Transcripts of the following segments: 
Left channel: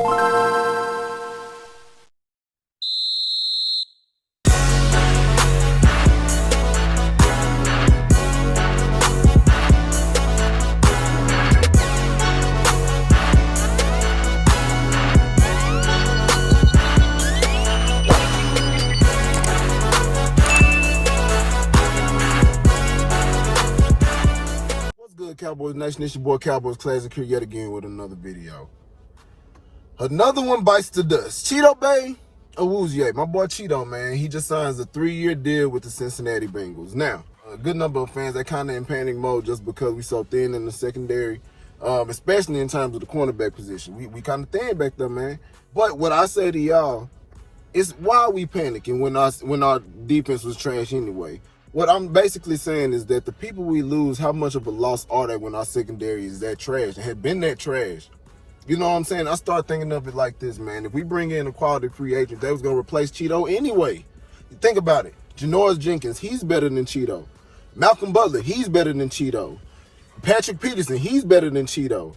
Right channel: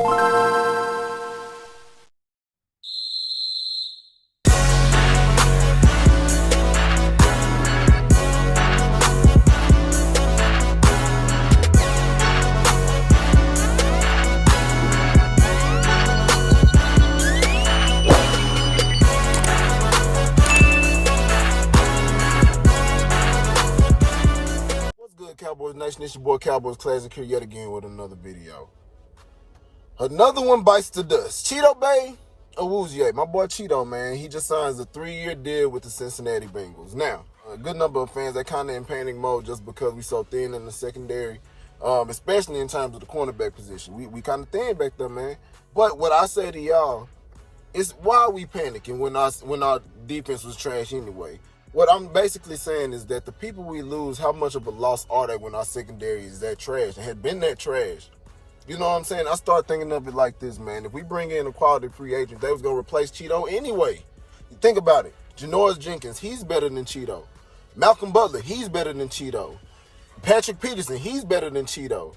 Cowboys Nation, it's your boy Cowboys Classic here yet again with another video. Another one bites the dust. Chido Bay Awuzie, my boy Chido, man, he just signs a 3-year deal with the Cincinnati Bengals. Now, a good number of fans are kind of in panic mode just because we so thin in the secondary, especially in terms of the cornerback position. We kind of thin back there, man. But what I say to y'all is, why are we panicking when our defense was trash anyway? What I'm basically saying is that the people we lose, how much of a loss are they when our secondary is that trash and had been that trash? You know what I'm saying? I start thinking of it like this, man. If we bring in a quality free agent, that was going to replace Chido anyway. Think about it. Janoris Jenkins, he's better than Chido. Malcolm Butler, he's better than Chido. Patrick Peterson, he's better than Chido.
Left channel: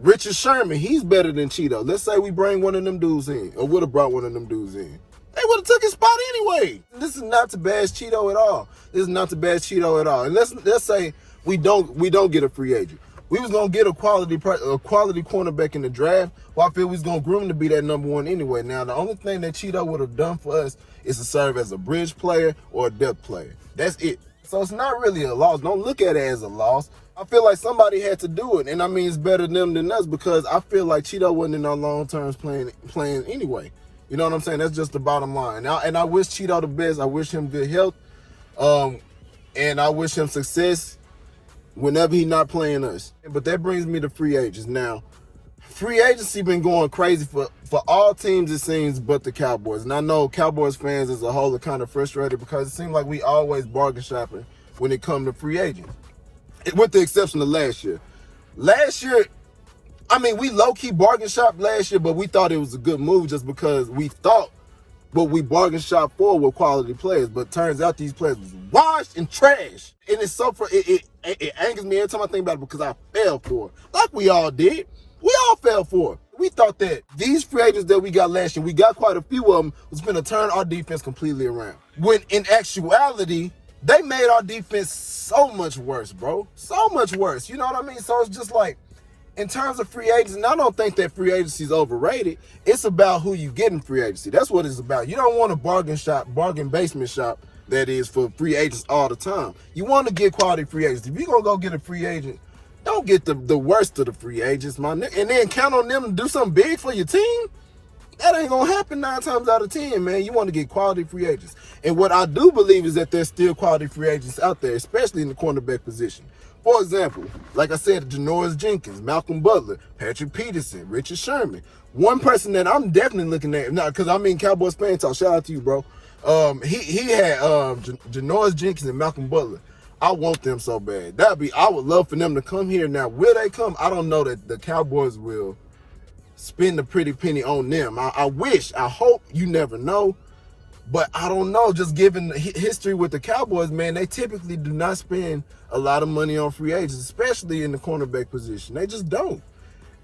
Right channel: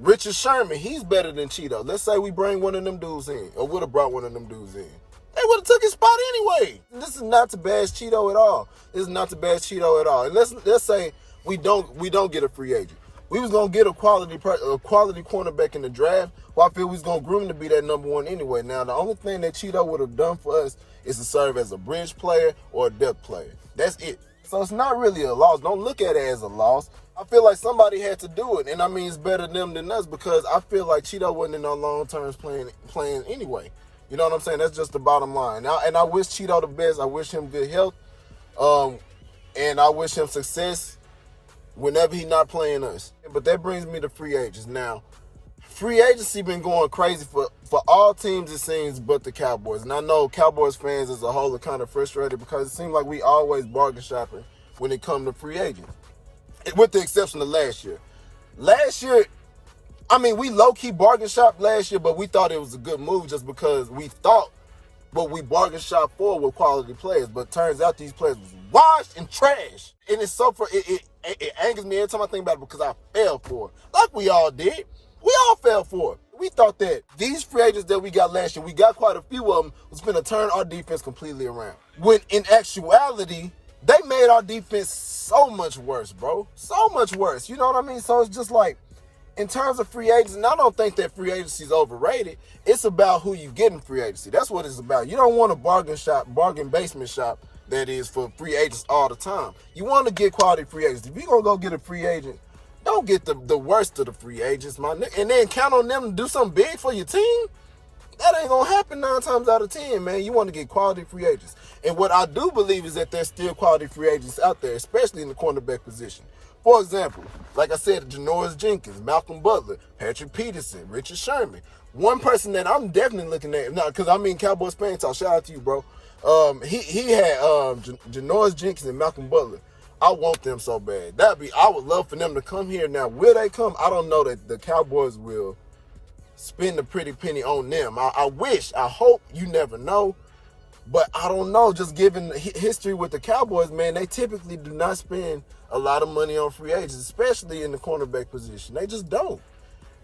Richard Sherman, he's better than Chido. Let's say we bring one of them dudes in, or would have brought one of them dudes in. They would have took his spot anyway. This is not to bash Chido at all. This is not to bash Chido at all. And let's say we don't get a free agent. We was gonna get a quality cornerback in the draft. Well, I feel we was gonna groom to be that number one anyway. Now, the only thing that Chido would have done for us is to serve as a bridge player or a depth player. That's it. So it's not really a loss. Don't look at it as a loss. I feel like somebody had to do it, and I mean it's better them than us because I feel like Chido wasn't in our long terms playing anyway. You know what I'm saying? That's just the bottom line. Now, and I wish Chido the best. I wish him good health, and I wish him success whenever he's not playing us. But that brings me to free agents. Now, free agency been going crazy for all teams, it seems, but the Cowboys. And I know Cowboys fans as a whole are kind of frustrated because it seems like we always bargain shopping when it comes to free agents, with the exception of last year. Last year, I mean, we low-key bargain shopped last year, but we thought it was a good move just because we thought what we bargain shopped for were quality players. But turns out these players was washed and trash. And it's so it angers me every time I think about it because I fell for it. Like we all did. We all fell for it. We thought that these free agents that we got last year, we got quite a few of them, was going to turn our defense completely around. When in actuality, they made our defense so much worse, bro. So much worse. You know what I mean? So it's just like, in terms of free agency, and I don't think that free agency is overrated. It's about who you get in free agency. That's what it's about. You don't want a bargain basement shop that is for free agents all the time. You want to get quality free agents. If you're going to go get a free agent, don't get the worst of the free agents, man. And then count on them to do something big for your team. That ain't going to happen 9 times out of 10, man. You want to get quality free agents. And what I do believe is that there's still quality free agents out there, especially in the cornerback position. For example, like I said, Janoris Jenkins, Malcolm Butler, Patrick Peterson, Richard Sherman. One person that I'm definitely looking at, now, because I mean Cowboys fan talk, shout out to you, bro. He had Janoris Jenkins and Malcolm Butler. I want them so bad. I would love for them to come here. Now, will they come? I don't know that the Cowboys will spend a pretty penny on them. I hope, you never know. But I don't know, just given history with the Cowboys, man, they typically do not spend a lot of money on free agents, especially in the cornerback position. They just don't.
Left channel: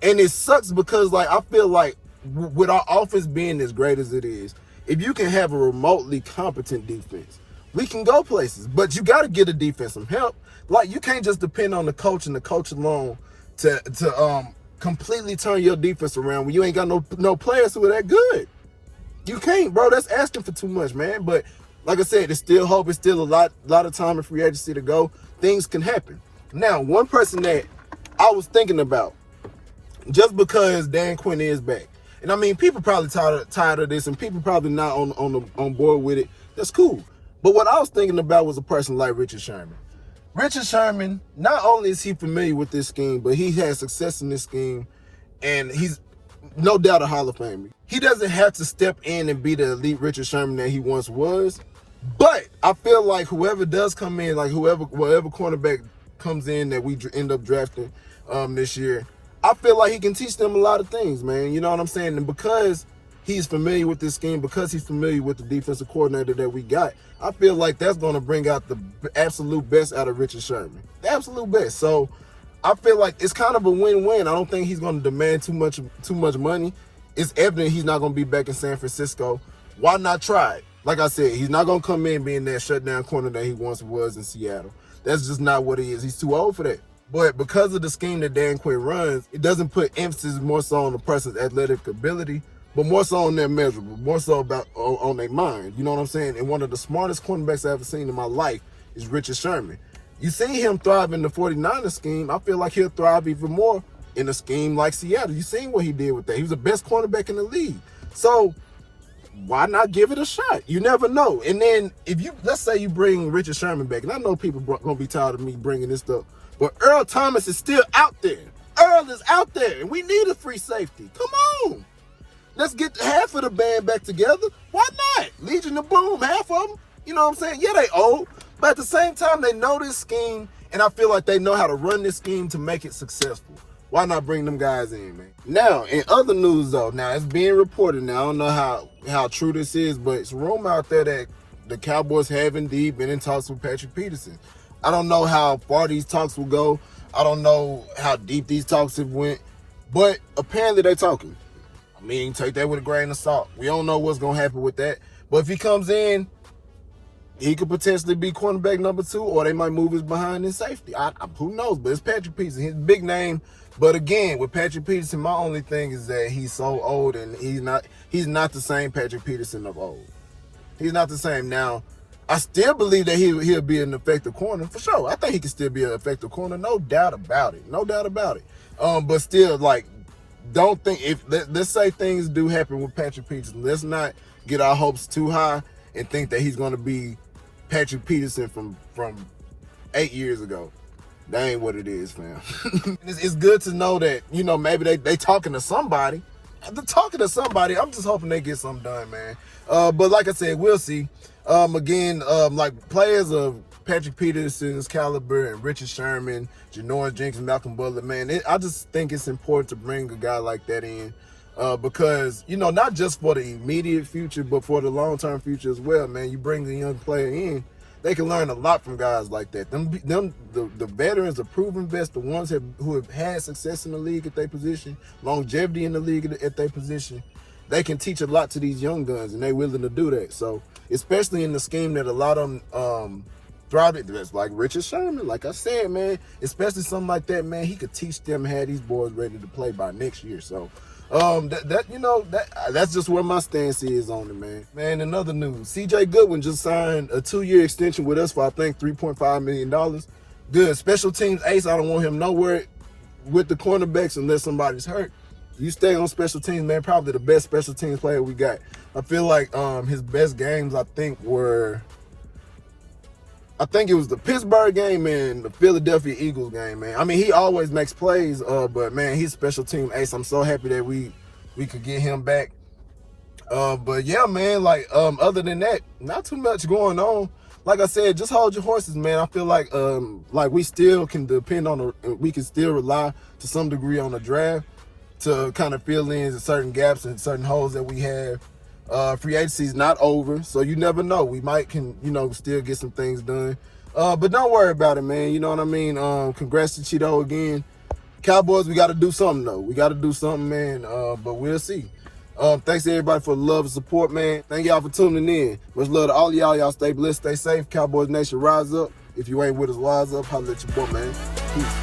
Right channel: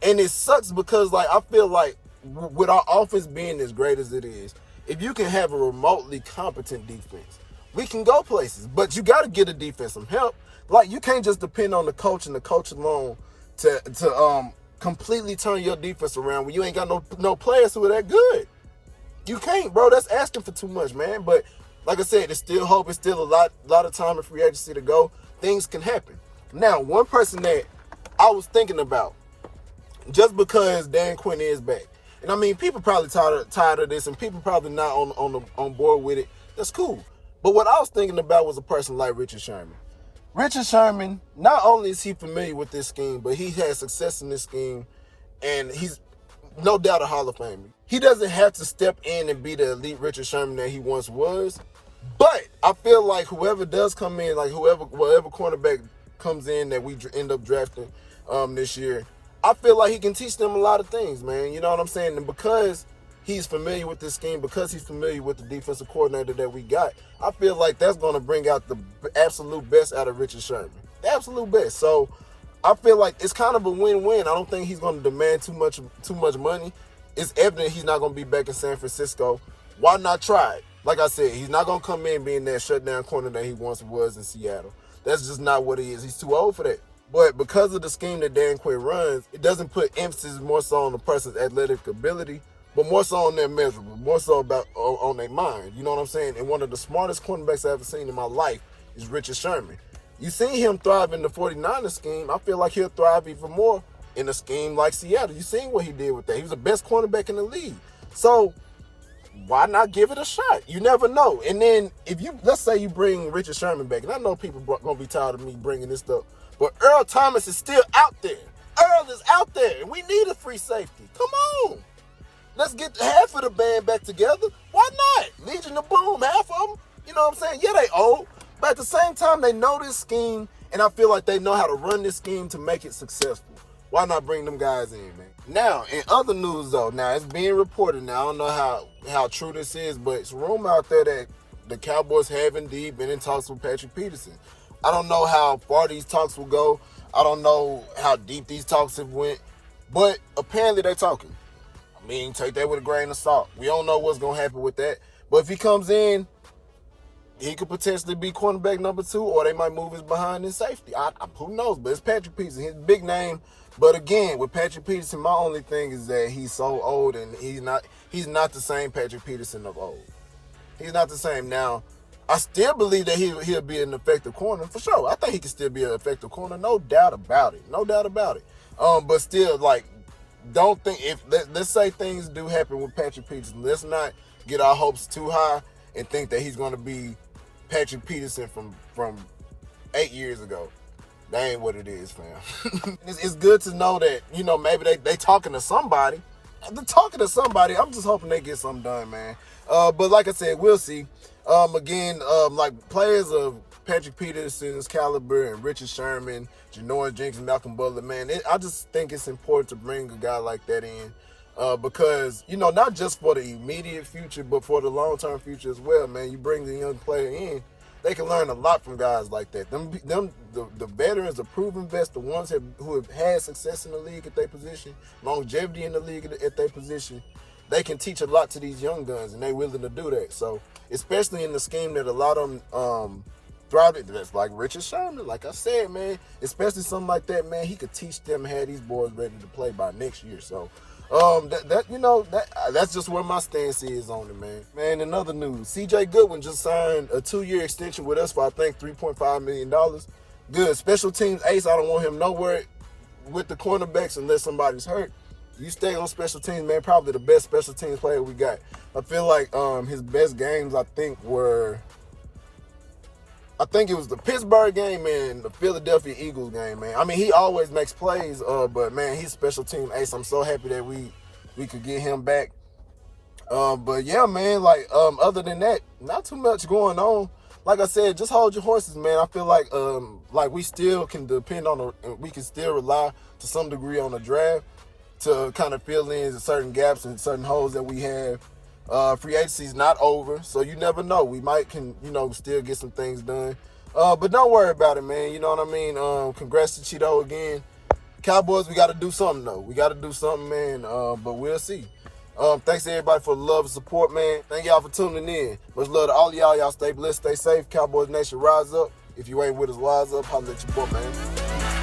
And it sucks because, like, I feel like with our offense being as great as it is, if you can have a remotely competent defense, we can go places. But you got to get a defense some help. Like, you can't just depend on the coach and the coach alone to completely turn your defense around when you ain't got no players who are that good. You can't, bro. That's asking for too much, man. But like I said, there's still hope. It's still a lot of time in free agency to go. Things can happen. Now, one person that I was thinking about, just because Dan Quinn is back, and I mean, people probably tired of this, and people probably not on board with it. That's cool. But what I was thinking about was a person like Richard Sherman. Richard Sherman, not only is he familiar with this scheme, but he has success in this scheme, and he's no doubt a Hall of Famer. He doesn't have to step in and be the elite Richard Sherman that he once was. But I feel like whoever does come in, like whatever cornerback comes in that we end up drafting this year, I feel like he can teach them a lot of things, man. You know what I'm saying? And because he's familiar with this scheme, because he's familiar with the defensive coordinator that we got, I feel like that's going to bring out the absolute best out of Richard Sherman. The absolute best. So I feel like it's kind of a win-win. I don't think he's going to demand too much money. It's evident he's not going to be back in San Francisco. Why not try it? Like I said, he's not going to come in being that shutdown corner that he once was in Seattle. That's just not what he is. He's too old for that. But because of the scheme that Dan Quinn runs, it doesn't put emphasis more so on the person's athletic ability, but more so on their measurable, more so about on their mind. You know what I'm saying? And one of the smartest cornerbacks I've ever seen in my life is Richard Sherman. You see him thrive in the 49ers scheme. I feel like he'll thrive even more in a scheme like Seattle. You seen what he did with that. He was the best cornerback in the league. So why not give it a shot? You never know. And then let's say you bring Richard Sherman back, and I know people are going to be tired of me bringing this stuff, but Earl Thomas is still out there. Earl is out there, and we need a free safety. Come on. Let's get half of the band back together. Why not? Legion of Boom, half of them. You know what I'm saying? Yeah, they old. But at the same time, they know this scheme, and I feel like they know how to run this scheme to make it successful. Why not bring them guys in, man? Now, in other news, though, now it's being reported now. I don't know how true this is, but it's a rumor out there that the Cowboys have indeed been in talks with Patrick Peterson. I don't know how far these talks will go. I don't know how deep these talks have went, but apparently they're talking. I mean, take that with a grain of salt. We don't know what's going to happen with that. But if he comes in, he could potentially be cornerback number 2, or they might move his behind in safety. Who knows? But it's Patrick Peterson. He's a big name. But again, with Patrick Peterson, my only thing is that he's so old, and he's not the same Patrick Peterson of old. He's not the same. Now, I still believe that he'll be an effective corner for sure. I think he can still be an effective corner, no doubt about it. No doubt about it. But still, like, don't think let's say things do happen with Patrick Peterson. Let's not get our hopes too high and think that he's going to be Patrick Peterson from 8 years ago. That ain't what it is, fam. It's good to know that, you know, maybe they talking to somebody. They're talking to somebody. I'm just hoping they get something done, man. But like I said, we'll see. Again, like players of Patrick Peterson's caliber and Richard Sherman, Janoris Jenkins, Malcolm Butler, man, I just think it's important to bring a guy like that in because, you know, not just for the immediate future, but for the long-term future as well, man. You bring the young player in, they can learn a lot from guys like that. The veterans, the proven vets, the ones who have had success in the league at their position, longevity in the league at their position, they can teach a lot to these young guns, and they're willing to do that. So, especially in the scheme that a lot of them thrive at, that's like Richard Sherman, like I said, man, especially something like that, man, he could teach them, have these boys ready to play by next year. So, that's just where my stance is on it, man. Man, in other news, C.J. Goodwin just signed a 2-year extension with us for, I think, $3.5 million. Good. Special teams ace. I don't want him nowhere with the cornerbacks unless somebody's hurt. You stay on special teams, man, probably the best special teams player we got. I feel like his best games, I think it was the Pittsburgh game and the Philadelphia Eagles game, man. I mean, he always makes plays, but, man, he's special team ace. I'm so happy that we could get him back. But, yeah, man, like, other than that, not too much going on. Like I said, just hold your horses, man. I feel like we still can depend on we can still rely to some degree on the draft to kind of fill in certain gaps and certain holes that we have. Free agency is not over, so you never know. We might still get some things done. But don't worry about it, man. You know what I mean? Congrats to Chido again. Cowboys, we got to do something, though. We got to do something, man. But we'll see. Thanks to everybody for the love and support, man. Thank y'all for tuning in. Much love to all of y'all. Y'all stay blessed, stay safe. Cowboys Nation, rise up. If you ain't with us, wise up. Holla at your boy, man. Peace.